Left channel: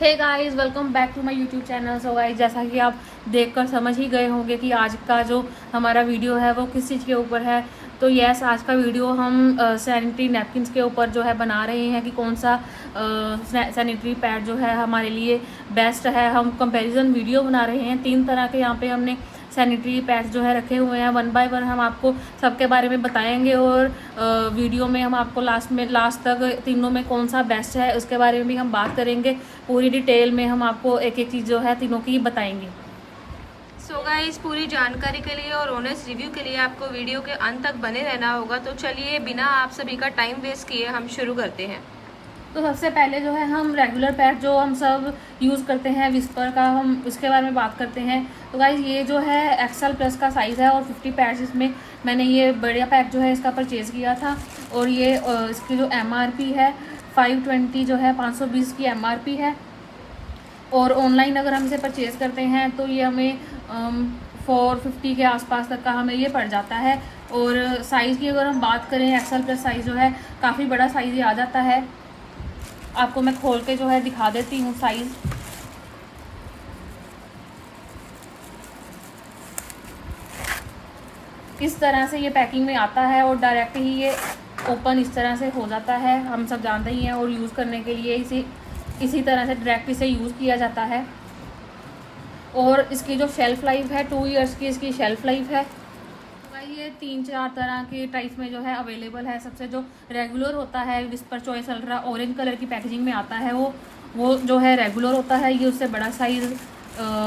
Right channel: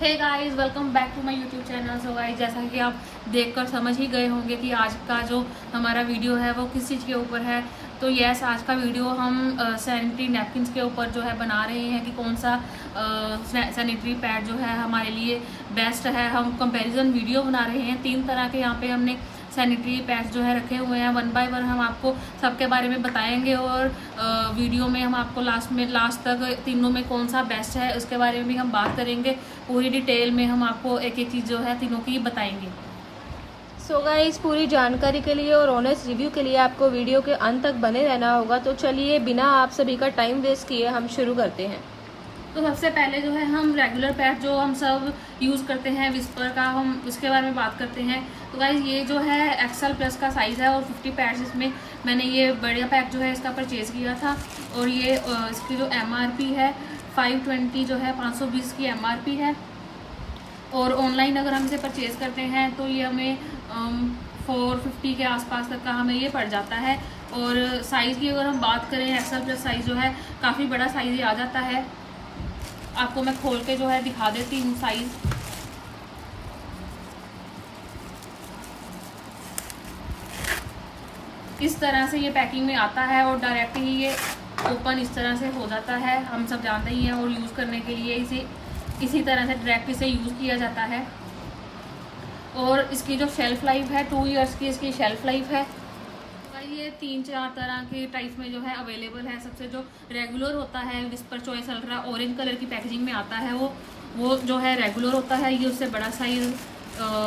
Hey guys, welcome back to my YouTube channel. So guys, जैसा कि आप देखकर समझ ही गए होंगे कि आज का जो हमारा वीडियो है वो किस चीज़ के ऊपर है। तो यस, आज का वीडियो हम सैनिटरी नैपकिन्स के ऊपर जो है बना रहे हैं कि कौन सा सैनिटरी पैड जो है हमारे लिए बेस्ट है। हम कंपैरिजन वीडियो बना रहे हैं। 3 तरह के यहाँ पे हमने सैनिटरी पैड्स जो है रखे हुए हैं। 1 बाय 1 हम आपको सबके बारे में बताएंगे और वीडियो में हम आपको लास्ट तक तीनों में कौन सा बेस्ट है इसके बारे में भी हम बात करेंगे। पूरी डिटेल में हम आपको एक एक चीज़ जो है तीनों की बताएंगे। सो गाइस, पूरी जानकारी के लिए और ऑनेस्ट रिव्यू के लिए आपको वीडियो के अंत तक बने रहना होगा। तो चलिए बिना आप सभी का टाइम वेस्ट किए हम शुरू करते हैं। तो सबसे पहले जो है हम रेगुलर पैड जो हम सब यूज़ करते हैं विस्पर का, हम इसके बारे में बात करते हैं। तो गाइस, ये जो है एक्सल प्लस का साइज़ है और 50 पैड्स इसमें मैंने ये बढ़िया पैक जो है इसका परचेज़ किया था। और ये इसकी जो MRP है 520 जो है 520 की MRP है। और ऑनलाइन अगर हम इसे परचेज़ करते हैं तो ये हमें 450 के आसपास तक का हमें ये पड़ जाता है। और साइज़ की अगर हम बात करें, एक्सल प्लस साइज़ जो है काफ़ी बड़ा साइज़ ही आ जाता है। आपको मैं खोल के जो है दिखा देती हूँ साइज़। इस तरह से ये पैकिंग में आता है और डायरेक्ट ही ये ओपन इस तरह से हो जाता है। हम सब जानते ही हैं और यूज़ करने के लिए इसे इसी तरह से डायरेक्ट इसे यूज़ किया जाता है। और इसकी जो शेल्फ़ लाइफ है 2 ईयर्स की इसकी शेल्फ़ लाइफ है। ये 3-4 तरह के टाइप में जो है अवेलेबल है। सबसे जो रेगुलर होता है whisper choice ultra orange colour की पैकेजिंग में आता है वो जो है रेगुलर होता है। ये उससे बड़ा साइज़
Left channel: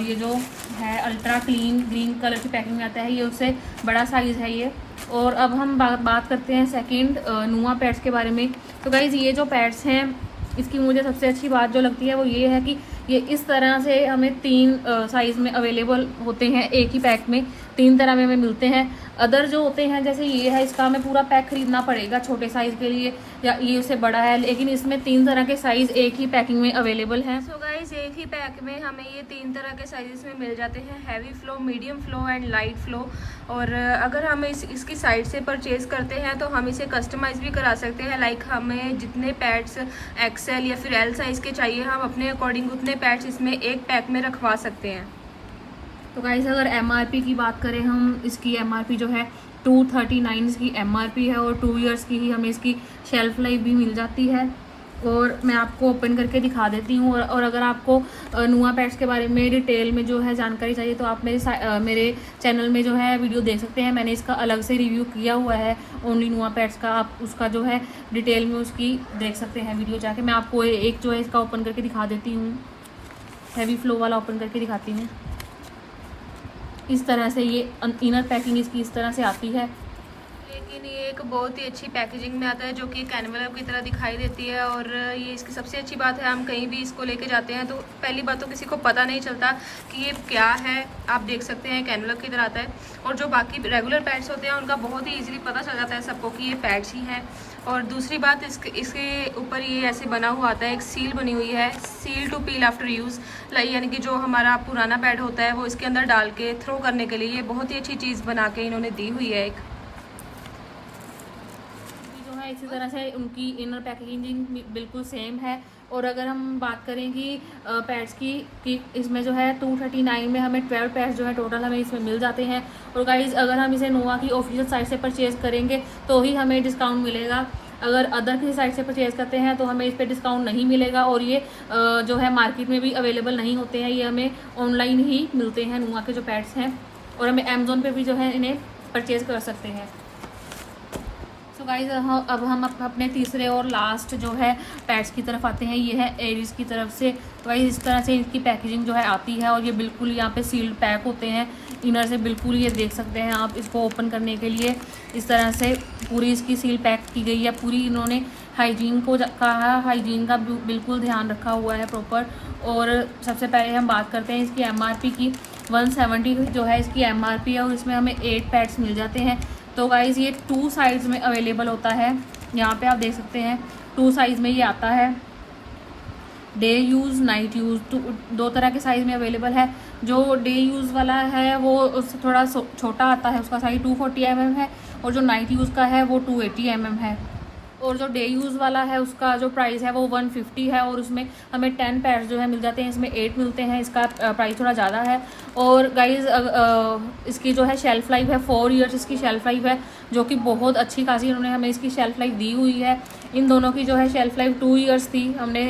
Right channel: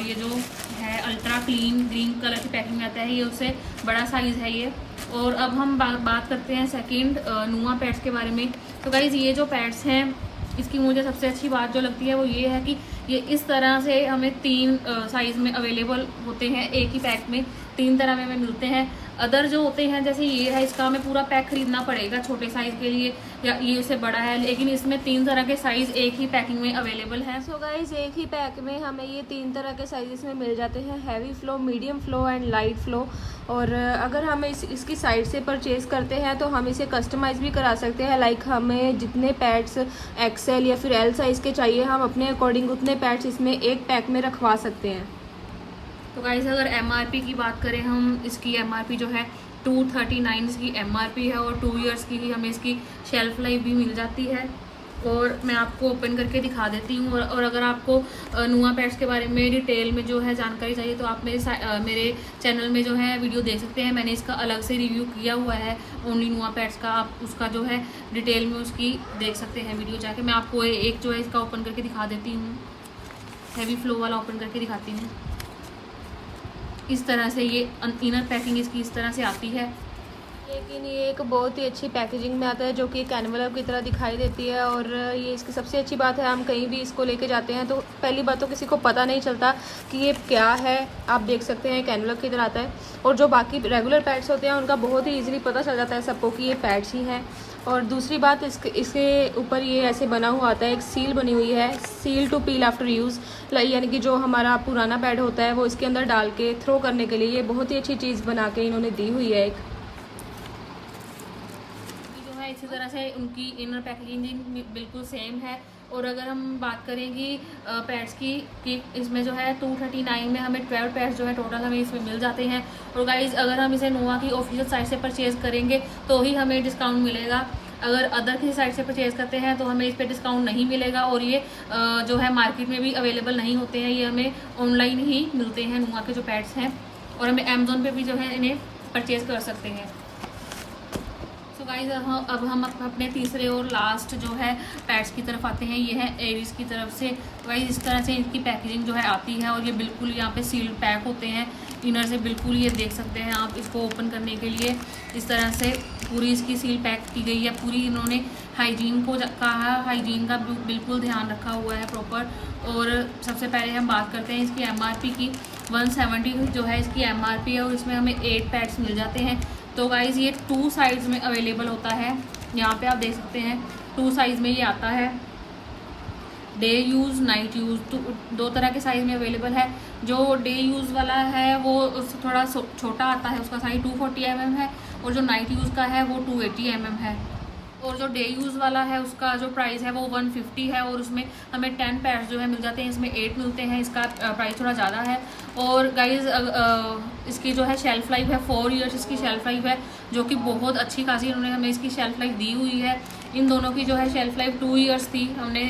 ये जो है अल्ट्रा क्लीन ग्रीन कलर की पैकिंग में आता है, ये उससे बड़ा साइज़ है ये। और अब हम बात करते हैं सेकंड नुआ पैड्स के बारे में। तो गाइज़, ये जो पैड्स हैं इसकी मुझे सबसे अच्छी बात जो लगती है वो ये है कि ये इस तरह से हमें 3 साइज़ में अवेलेबल होते हैं। एक ही पैक में 3 तरह में हमें मिलते हैं। अदर जो होते हैं जैसे ये है, इसका हमें पूरा पैक खरीदना पड़ेगा छोटे साइज़ के लिए, या ये उससे बड़ा है। लेकिन इसमें 3 तरह के साइज़ एक ही पैकिंग में अवेलेबल हैं। सो गाइस, एक ही पैक में हमें ये 3 तरह के साइजेस में मिल जाते हैं, heavy flow, medium flow and light flow. और अगर हम इसकी साइड से परचेज़ करते हैं तो हम इसे कस्टमाइज़ भी करा सकते हैं। लाइक हमें जितने पैड्स एक्सेल या फिर एल साइज़ के चाहिए, हम अपने अकॉर्डिंग उतने पैड्स इसमें एक पैक में रखवा सकते हैं। तो गाइस, अगर MRP की बात करें हम, इसकी MRP जो है 239 इसकी MRP है और 2 ईयर्स की ही हमें इसकी शेल्फ़ लाइफ भी मिल जाती है। और मैं आपको ओपन करके दिखा देती हूँ। और अगर आपको नुआ पैड्स के बारे में डिटेल में जो है जानकारी चाहिए तो आप मेरे चैनल में जो है वीडियो देख सकते हैं। मैंने इसका अलग से रिव्यू किया हुआ है ओनली नुआ पैड्स का। आप उसका जो है डिटेल में उसकी देख सकते हैं वीडियो जाके। मैं आपको एक जो है इसका ओपन करके दिखा देती हूँ, हैवी फ्लो वाला ओपन करके दिखाती हूँ। इस तरह से ये इनर पैकिंग इसकी इस तरह से आती है। लेकिन ये एक बहुत ही अच्छी पैकेजिंग में आता है जो कि एक एनवेलप की तरह दिखाई देती है। और ये इसकी सबसे अच्छी बात है, हम कहीं भी इसको लेके जाते हैं तो पहली बात तो किसी को पता नहीं चलता कि ये क्या है। आप देख सकते हैं एक एनवेलप की तरह आता है। और जो बाकी रेगुलर पैड्स होते हैं उनका बहुत ही ईजिली पता चल जाता है सबको कि ये पैड्स ही हैं। और दूसरी बात, इसके ऊपर ये ऐसे बना हुआ आता है, एक सील बनी हुई है, seal to peel after use. यानी कि जो हमारा पुराना पैड होता है वो इसके अंदर डाल के थ्रो करने के लिए ये बहुत ही अच्छी चीज़ बना के इन्होंने दी हुई है। एक इसी तरह से उनकी इनर पैकेजिंग बिल्कुल सेम है। और अगर हम बात करें कि पैड्स की कि इसमें जो है 239 में हमें 12 पैड्स जो है टोटल हमें इसमें मिल जाते हैं। और गाइज, अगर हम इसे नोवा की ऑफिशियल साइट से परचेज़ करेंगे तो ही हमें डिस्काउंट मिलेगा। अगर अदर किसी साइट से परचेज़ करते हैं तो हमें इस पर डिस्काउंट नहीं मिलेगा। और ये जो है मार्केट में भी अवेलेबल नहीं होते हैं, ये हमें ऑनलाइन ही मिलते हैं नोवा के जो पैड्स हैं। और हमें अमेज़ोन पे भी जो है इन्हें परचेज़ कर सकते हैं। गाइस, अब हम अपने तीसरे और लास्ट जो है पैड्स की तरफ आते हैं। ये है एरिस की तरफ से। गाइस, इस तरह से इनकी पैकेजिंग जो है आती है और ये बिल्कुल यहाँ पे सील्ड पैक होते हैं इनर से। बिल्कुल ये देख सकते हैं आप इसको ओपन करने के लिए इस तरह से पूरी इसकी सील पैक की गई है। पूरी इन्होंने हाइजीन को कहा, हाइजीन का बिल्कुल ध्यान रखा हुआ है प्रॉपर। और सबसे पहले हम बात करते हैं इसकी MRP की। 170 जो है इसकी MRP है और इसमें हमें 8 पैड्स मिल जाते हैं। तो गाइज़, ये 2 साइज़ में अवेलेबल होता है। यहाँ पे आप देख सकते हैं 2 साइज़ में ये आता है, डे यूज़ नाइट यूज़। 2 तरह के साइज़ में अवेलेबल है। जो डे यूज़ वाला है वो उससे थोड़ा छोटा आता है, उसका साइज़ 240 mm है। और जो नाइट यूज़ का है वो 280 mm है। और जो डे यूज़ वाला है उसका जो प्राइस है वो 150 है, और उसमें हमें 10 पैड्स जो है मिल जाते हैं। इसमें 8 मिलते हैं, इसका प्राइस थोड़ा ज़्यादा है। और गाइज़ इसकी जो है शेल्फ़ लाइफ है 4 ईयर्स इसकी शेल्फ़ लाइफ है, जो कि बहुत अच्छी खासी इन्होंने हमें इसकी शेल्फ़ लाइफ दी हुई है। इन दोनों की जो है शेल्फ़ लाइफ 2 ईयर्स थी, हमने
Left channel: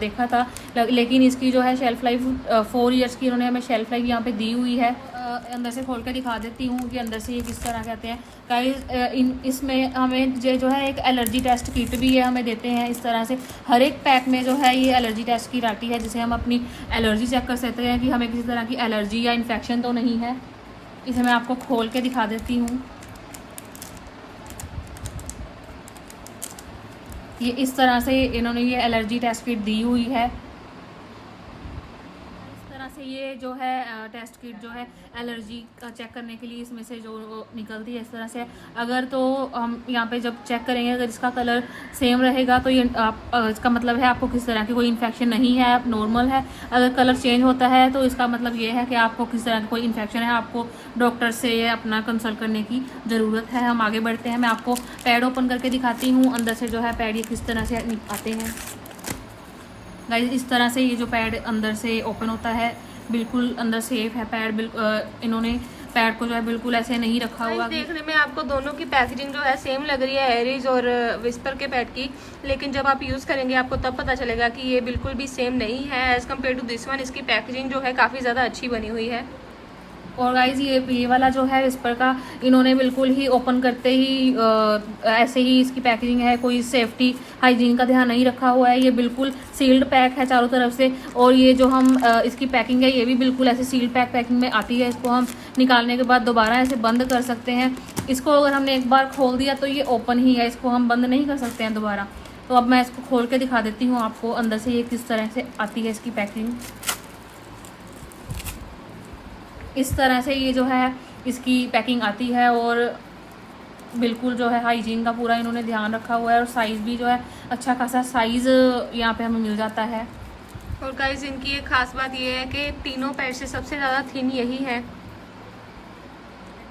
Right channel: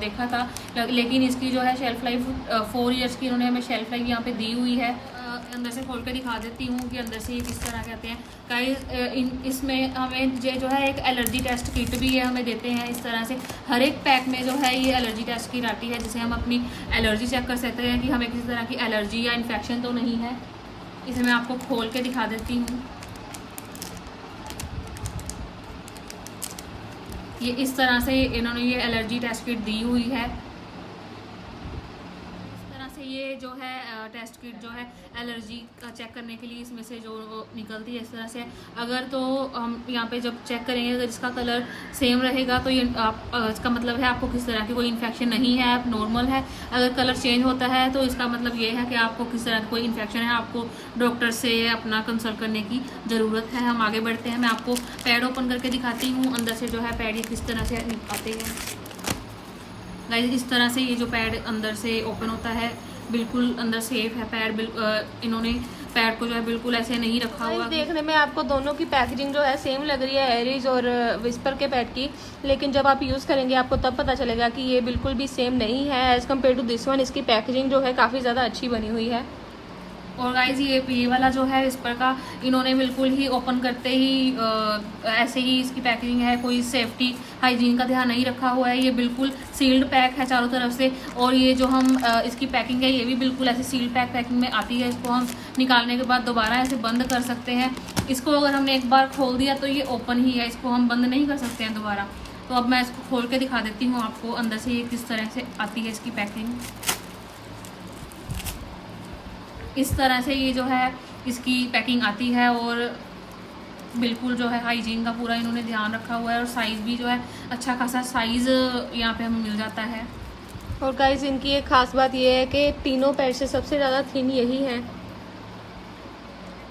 देखा था, लेकिन इसकी जो है शेल्फ़ लाइफ 4 ईयर्स की इन्होंने हमें शेल्फ़ लाइफ यहाँ पे दी हुई है। अंदर से खोल के दिखा देती हूँ कि अंदर से ये किस तरह कहते हैं गाइस। इसमें हमें जो है एक एलर्जी टेस्ट किट भी है, हमें देते हैं इस तरह से। हर एक पैक में जो है ये एलर्जी टेस्ट किट आती है, जिसे हम अपनी एलर्जी चेक कर सकते हैं कि हमें किसी तरह की एलर्जी या इन्फेक्शन तो नहीं है। इसे मैं आपको खोल के दिखा देती हूँ। ये इस तरह से इन्होंने ये एलर्जी टेस्ट किट दी हुई है। ये जो है टेस्ट किट जो है एलर्जी का चेक करने के लिए इसमें से जो निकलती है इस तरह से। अगर तो हम यहाँ पे जब चेक करेंगे, अगर इसका कलर सेम रहेगा तो ये इसका मतलब है आपको किस तरह की कोई इन्फेक्शन नहीं है, आप नॉर्मल है। अगर कलर चेंज होता है तो इसका मतलब ये है कि आपको किस तरह की कोई इन्फेक्शन है, आपको डॉक्टर से अपना कंसल्ट करने की ज़रूरत है। हम आगे बढ़ते हैं, मैं आपको पैड ओपन करके दिखाती हूँ अंदर से जो है पैड ये किस तरह से आते हैं। गाइस इस तरह से ये जो पैड अंदर से ओपन होता है, बिल्कुल अंदर सेफ है पैड। इन्होंने पैड को जो है बिल्कुल ऐसे नहीं रखा हुआ। देखने में आपको दोनों की पैकेजिंग जो है सेम लग रही है, एरीज और विस्पर के पैड की, लेकिन जब आप यूज़ करेंगे आपको तब पता चलेगा कि ये बिल्कुल भी सेम नहीं है as compare to this one. इसकी पैकेजिंग जो है काफ़ी ज़्यादा अच्छी बनी हुई है। और गाइज ये वाला जो है विस्पर का, इन्होंने बिल्कुल ही ओपन करते ही ऐसे ही इसकी पैकेजिंग है, कोई सेफ्टी हाइजीन का ध्यान नहीं रखा हुआ है। ये बिल्कुल सील्ड पैक है चारों तरफ से, और ये जो हम इसकी पैकिंग है ये भी बिल्कुल ऐसे सील्ड पैकिंग में आती है। इसको हम निकालने के बाद दोबारा ऐसे बंद कर सकते हैं। इसको अगर हमने एक बार खोल दिया तो ये ओपन ही है, इसको हम बंद नहीं कर सकते हैं दोबारा। तो अब मैं इसको खोल के दिखा देती हूँ आपको अंदर से ये किस तरह से आती है इसकी पैकिंग। इस तरह से ये जो है इसकी पैकिंग आती है, और बिल्कुल जो है हाइजीन का पूरा इन्होंने ध्यान रखा हुआ है। और साइज़ भी जो है अच्छा खासा साइज़ यहाँ पे हमें मिल जाता है। और गाइस इनकी एक ख़ास बात ये है कि तीनों पैड से सबसे ज़्यादा थिन यही है।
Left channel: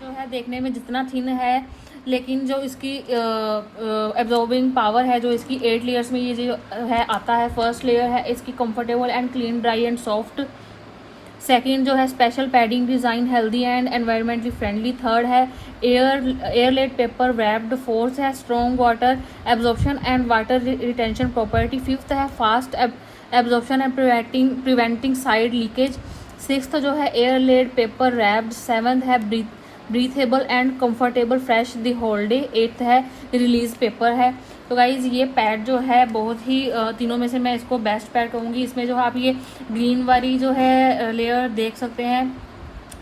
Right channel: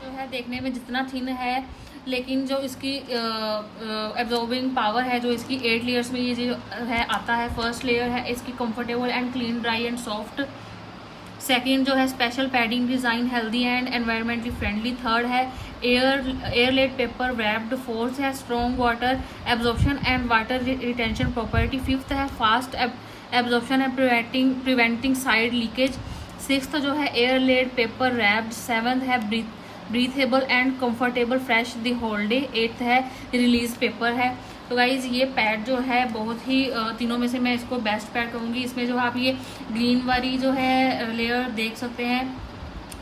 जो है देखने में जितना थिन है, लेकिन जो इसकी एब्जॉर्बिंग पावर है, जो इसकी 8 लेयर्स में ये जो है आता है। फर्स्ट लेयर है इसकी comfortable and clean, dry and soft. Second जो है special padding design, healthy and environmentally friendly. Third है एयरलेट पेपर रैप्ड। फोर्थ है strong water absorption and water retention property. Fifth है fast absorption and preventing side leakage. Sixth जो है airlaid paper wrapped. Seventh है breathable and comfortable fresh the whole day. Eighth है release paper है। तो guys ये pad जो है बहुत ही तीनों में से मैं इसको बेस्ट पैड कहूँगी। इसमें जो आप ये ग्रीन वाली जो है लेयर देख सकते हैं,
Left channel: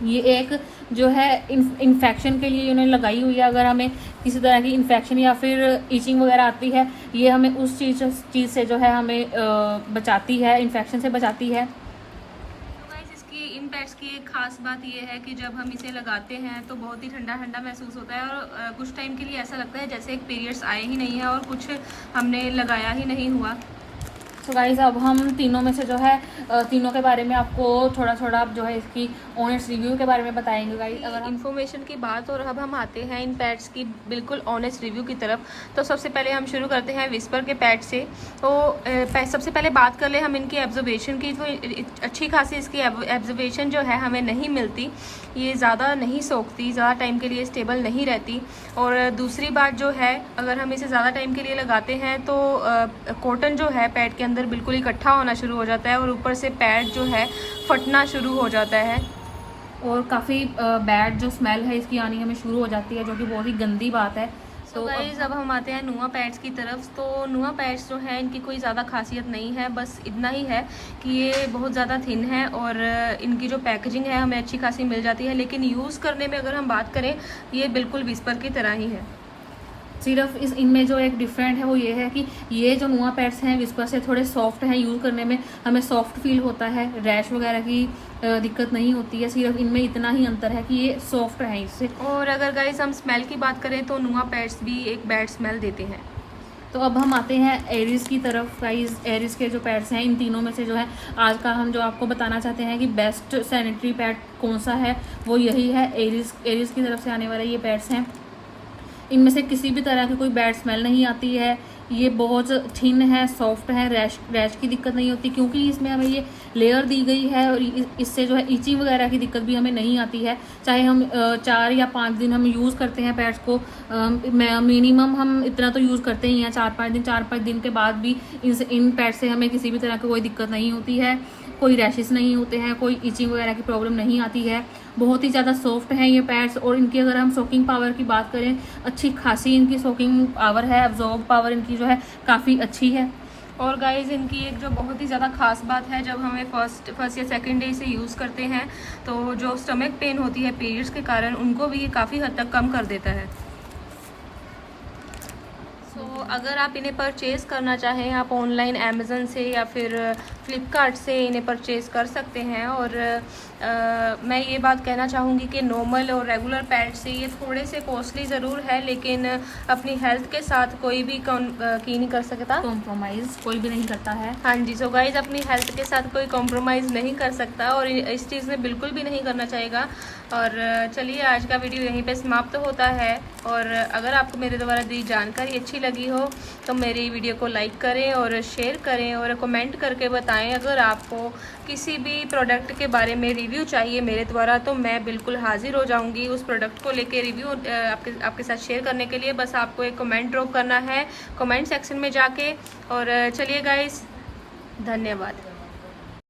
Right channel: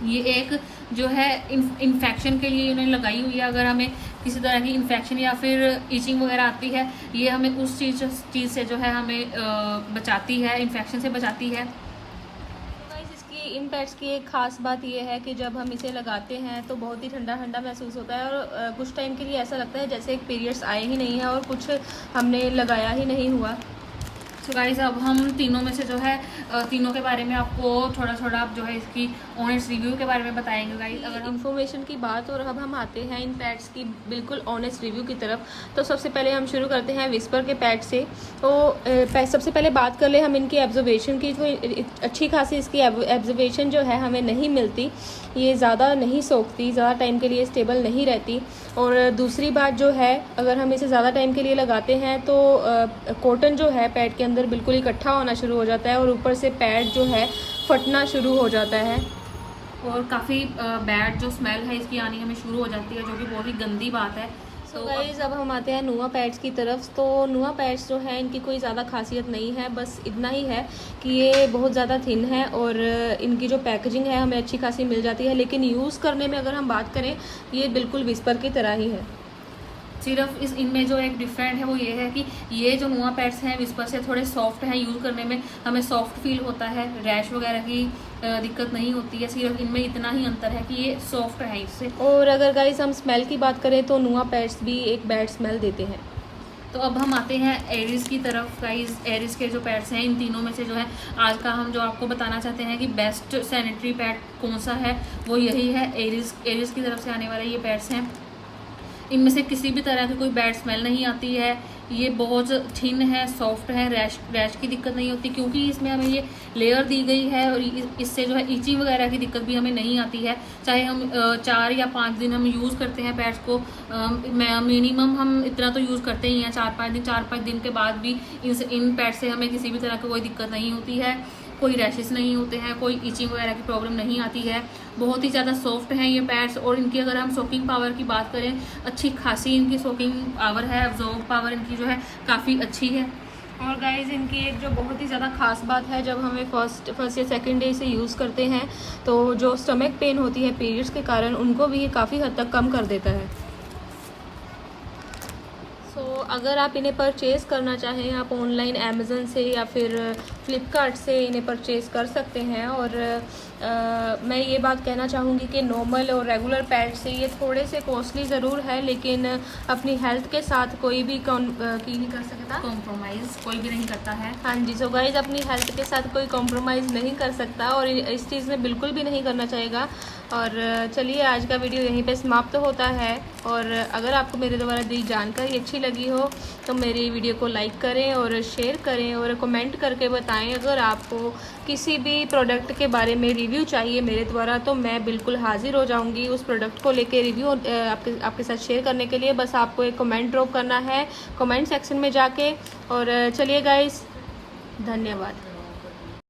ये एक जो है इन्फेक्शन के लिए इन्होंने लगाई हुई है। अगर हमें किसी तरह की इन्फेक्शन या फिर ईचिंग वगैरह आती है, ये हमें उस चीज़ से जो है हमें बचाती है, इन्फेक्शन से बचाती है। इन पैड्स की एक ख़ास बात यह है कि जब हम इसे लगाते हैं तो बहुत ही ठंडा ठंडा महसूस होता है, और कुछ टाइम के लिए ऐसा लगता है जैसे एक पीरियड्स आए ही नहीं है और कुछ हमने लगाया ही नहीं हुआ। सो गाइस अब हम तीनों में से जो है तीनों के बारे में आपको थोड़ा थोड़ा जो है इसकी ऑनेस्ट रिव्यू के बारे में बताएंगे गाइस। अगर इन्फॉर्मेशन की बात, और अब हम आते हैं इन पैड्स की बिल्कुल ऑनेस्ट रिव्यू की तरफ। तो सबसे पहले हम शुरू करते हैं विस्पर के पैड से। तो सबसे पहले बात कर ले हम इनकी एब्जर्वेशन की। तो अच्छी खासी इसकी एब्जर्वेशन जो है हमें नहीं मिलती, ये ज़्यादा नहीं सोखती, ज़्यादा टाइम के लिए स्टेबल नहीं रहती। और दूसरी बात जो है, अगर हम इसे ज़्यादा टाइम के लिए लगाते हैं तो कॉटन जो है पैड के अंदर बिल्कुल इकट्ठा होना शुरू हो जाता है, और ऊपर से पैड जो है फटना शुरू हो जाता है, और काफ़ी बैड जो स्मेल है इसकी आनी हमें शुरू हो जाती है, जो कि बहुत ही गंदी बात है। तो गाइज अब हम आते हैं नुआ पैड्स की तरफ। तो नुआ पैड्स जो है इनकी कोई ज़्यादा खासियत नहीं है, बस इतना ही है कि ये बहुत ज़्यादा थिन है, और इनकी जो पैकेजिंग है हमें अच्छी खासी मिल जाती है। लेकिन यूज़ करने में अगर हम बात करें, ये बिल्कुल विस्पर की तरह ही है। सिर्फ इनमें जो एक डिफरेंट है वो ये है कि ये जो नुआ पैड्स हैं विस्पर से थोड़े सॉफ्ट हैं, यूज़ करने में हमें सॉफ्ट फील होता है, रैश वगैरह की दिक्कत नहीं होती है। सिर्फ इनमें इतना ही अंतर है कि ये सॉफ्ट है इससे। और अगर गाइस हम स्मेल की बात करें तो नुआ पैड्स भी एक बैड स्मेल देते हैं। तो अब हम आते हैं एरिस की तरफ। गाइस एरिस के जो पैड्स हैं, इन तीनों में से जो है आज का हम जो आपको बताना चाहते हैं कि बेस्ट सैनिटरी पैड कौन सा है, वो यही है एरिस की तरफ से आने वाले ये पैड्स हैं। इनमें से किसी भी तरह की कोई बैड स्मेल नहीं आती है। ये बहुत थिन है, सॉफ्ट है, रैश की दिक्कत नहीं होती क्योंकि इसमें हमें ये लेयर दी गई है और इससे जो है इची वगैरह की दिक्कत भी हमें नहीं आती है। चाहे हम 4 या 5 दिन हम यूज़ करते हैं पैड्स को, मिनिमम हम इतना तो यूज़ करते ही हैं 4-5 दिन के बाद भी इन पैड से हमें किसी भी तरह की कोई दिक्कत नहीं होती है, कोई रैशेस नहीं होते हैं, कोई इचिंग वगैरह की प्रॉब्लम नहीं आती है। बहुत ही ज़्यादा सॉफ्ट हैं ये पैड्स और इनकी अगर हम सोकिंग पावर की बात करें, अच्छी खासी इनकी सोकिंग पावर है, अब्जॉर्ब पावर इनकी जो है काफ़ी अच्छी है। और गाइस इनकी एक जो बहुत ही ज़्यादा ख़ास बात है, जब हमें फर्स्ट या सेकंड डे से यूज़ करते हैं तो जो स्टमक पेन होती है पीरियड्स के कारण, उनको भी ये काफ़ी हद तक कम कर देता है। अगर आप इन्हें परचेज़ करना चाहें, आप ऑनलाइन अमेज़न से या फिर फ्लिपकार्ट से इन्हें परचेज़ कर सकते हैं। और मैं ये बात कहना चाहूँगी कि नॉर्मल और रेगुलर पैड से ये थोड़े से कॉस्टली ज़रूर है, लेकिन अपनी हेल्थ के साथ कोई भी की नहीं कर सकता, कॉम्प्रोमाइज़ कोई भी नहीं करता है। हाँ जी। सो गाइज़ अपनी हेल्थ के साथ कोई कॉम्प्रोमाइज़ नहीं कर सकता और इस चीज़ में बिल्कुल भी नहीं करना चाहेगा। और चलिए आज का वीडियो यहीं पे समाप्त होता है। और अगर आपको मेरे द्वारा दी जानकारी अच्छी लगी हो तो मेरी वीडियो को लाइक करें और शेयर करें और कमेंट करके बताएं। अगर आपको किसी भी प्रोडक्ट के बारे में रिव्यू चाहिए मेरे द्वारा तो मैं बिल्कुल हाजिर हो जाऊंगी उस प्रोडक्ट को लेके रिव्यू आपके साथ शेयर करने के लिए। बस आपको एक कमेंट ड्रॉप करना है कमेंट सेक्शन में जाके। और चलिए गाइस, धन्यवाद।